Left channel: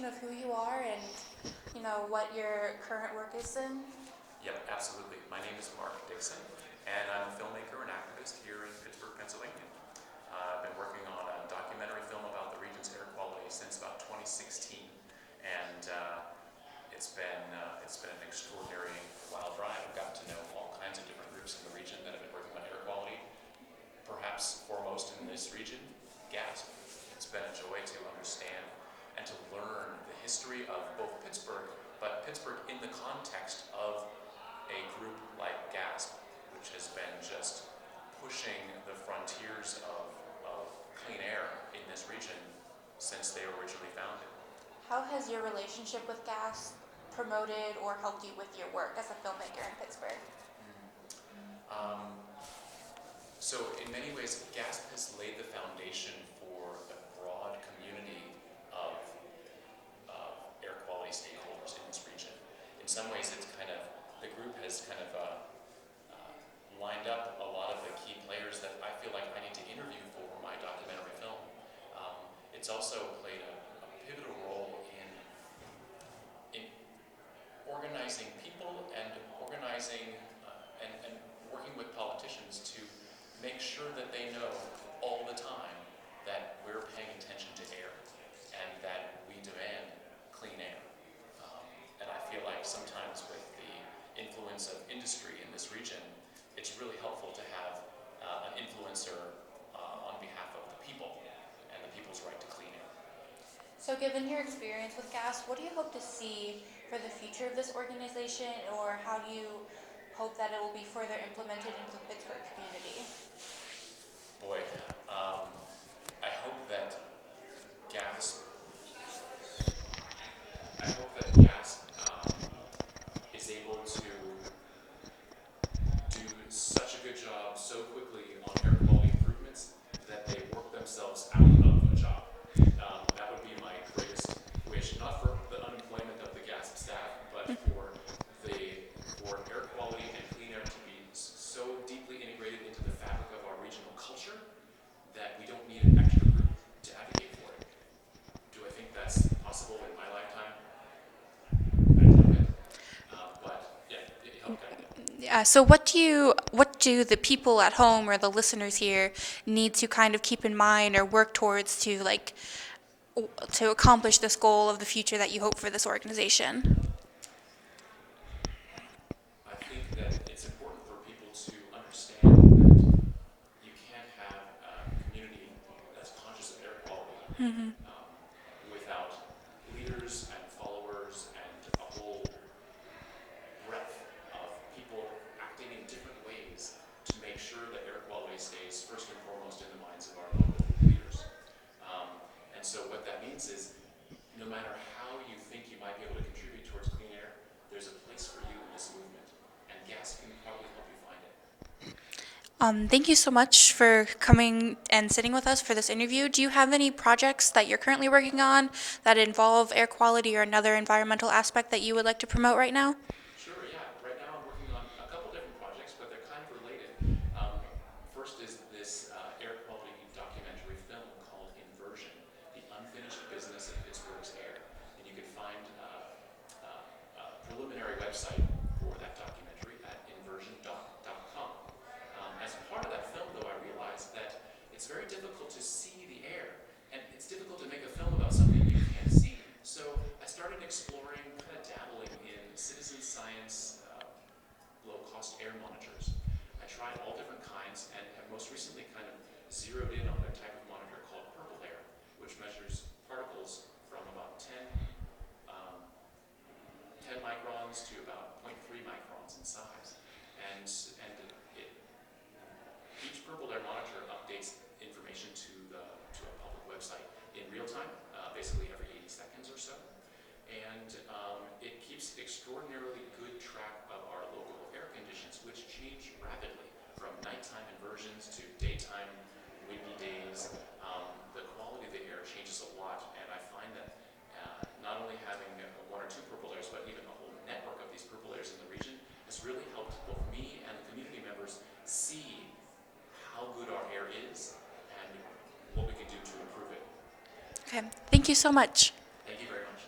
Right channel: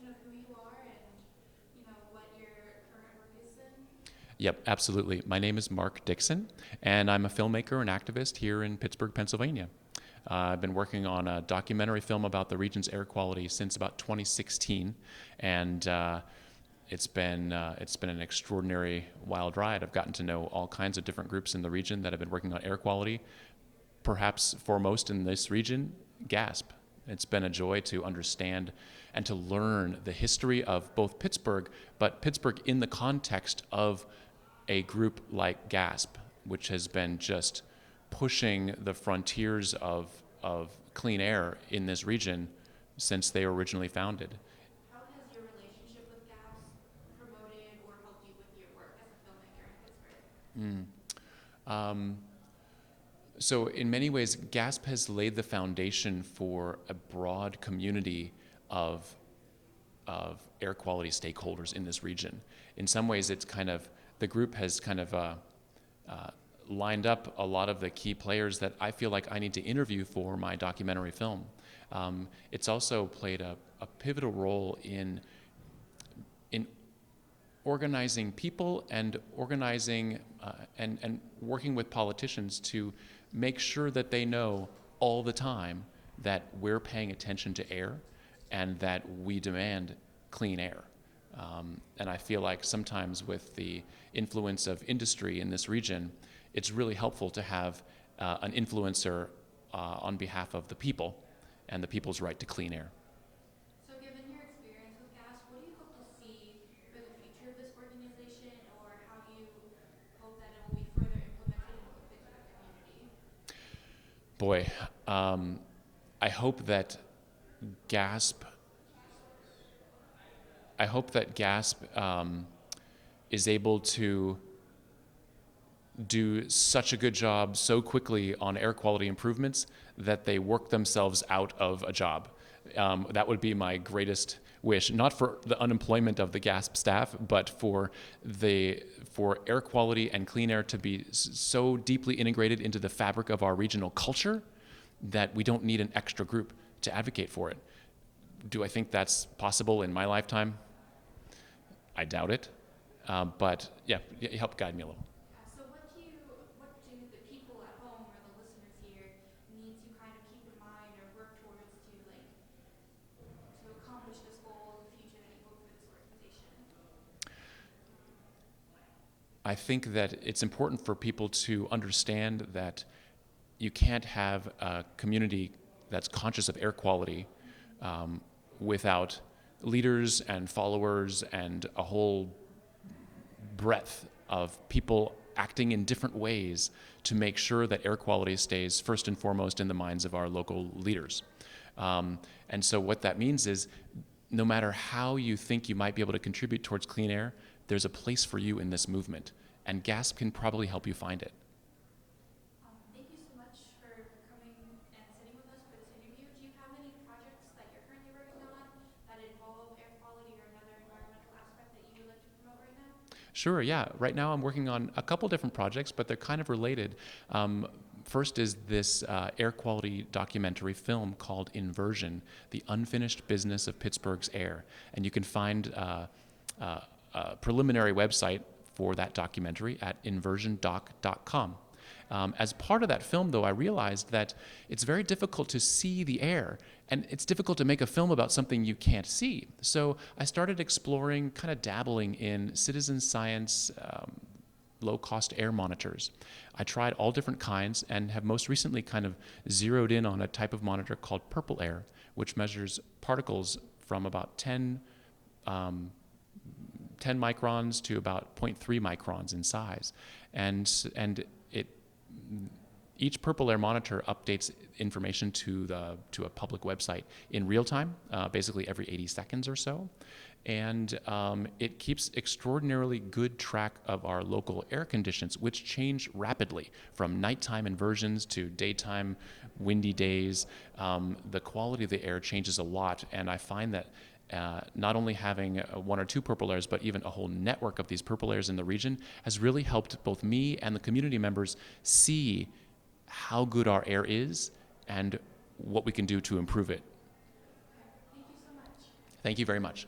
introduction of who you are and, what your current work is in? Yep, absolutely. My name is Mark Dixon, and I'm a filmmaker and activist here in Pittsburgh, Pennsylvania. I've been working on a documentary film about the region's air quality since about 2016, and it's been an extraordinary wild ride. I've gotten to know all kinds of different groups in the region that have been working on air quality. Perhaps foremost in this region, GASP. It's been a joy to understand and to learn the history of both Pittsburgh, but Pittsburgh in the context of a group like GASP, which has been just pushing the frontiers of clean air in this region since they were originally founded. How has your relationship with GAS promoted or helped you with your work as a filmmaker in Pittsburgh? So in many ways, GASP has laid the foundation for a broad community of air quality stakeholders in this region. In some ways, the group has lined up a lot of the key players that I feel like I need to interview for my documentary film. It's also played a pivotal role in organizing people and organizing and working with politicians to make sure that they know all the time that we're paying attention to air and that we demand clean air. And I feel like sometimes with the influence of industry in this region, it's really helpful to have an influencer on behalf of the people and the people's right to clean air. So given your experience with GAS, what do you hope to see for the future of this organization, or how do you hope that it will be further implemented into the Pittsburgh community? Boy, I hope that GASP is able to do such a good job so quickly on air quality improvements that they work themselves out of a job. That would be my greatest wish, not for the unemployment of the GASP staff, but for air quality and clean air to be so deeply integrated into the fabric of our regional culture that we don't need an extra group to advocate for it. Do I think that's possible in my lifetime? I doubt it. But yeah, help guide me a little. Yeah. So what do the people at home or the listeners here need to kind of keep in mind or work towards to accomplish this goal of the future that you hope for this organization? I think that it's important for people to understand that you can't have a community that's conscious of air quality without leaders and followers and a whole breadth of people acting in different ways to make sure that air quality stays first and foremost in the minds of our local leaders. And so what that means is no matter how you think you might be able to contribute towards clean air, there's a place for you in this movement, and GASP can probably help you find it. Thank you so much for coming and sitting with us for this interview. Do you have any projects that you're currently working on that involve air quality or another environmental aspect that you would like to promote right now? Sure, yeah. Right now I'm working on a couple different projects, but they're kind of related. First is this air quality documentary film called Inversion, The Unfinished Business of Pittsburgh's Air. And you can find a preliminary website for that documentary at inversiondoc.com. As part of that film, though, I realized that it's very difficult to see the air, and it's difficult to make a film about something you can't see. So I started exploring, kind of dabbling in citizen science, low-cost air monitors. I tried all different kinds and have most recently kind of zeroed in on a type of monitor called Purple Air, which measures particles from about 10 microns to about 0.3 microns in size. And each Purple Air monitor updates information to a public website in real time, basically every 80 seconds or so. And it keeps extraordinarily good track of our local air conditions, which change rapidly from nighttime inversions to daytime windy days. The quality of the air changes a lot, and I find that not only having one or two Purple Airs, but even a whole network of these Purple Airs in the region has really helped both me and the community members see how good our air is and what we can do to improve it. Okay, thank you so much. Thank you very much.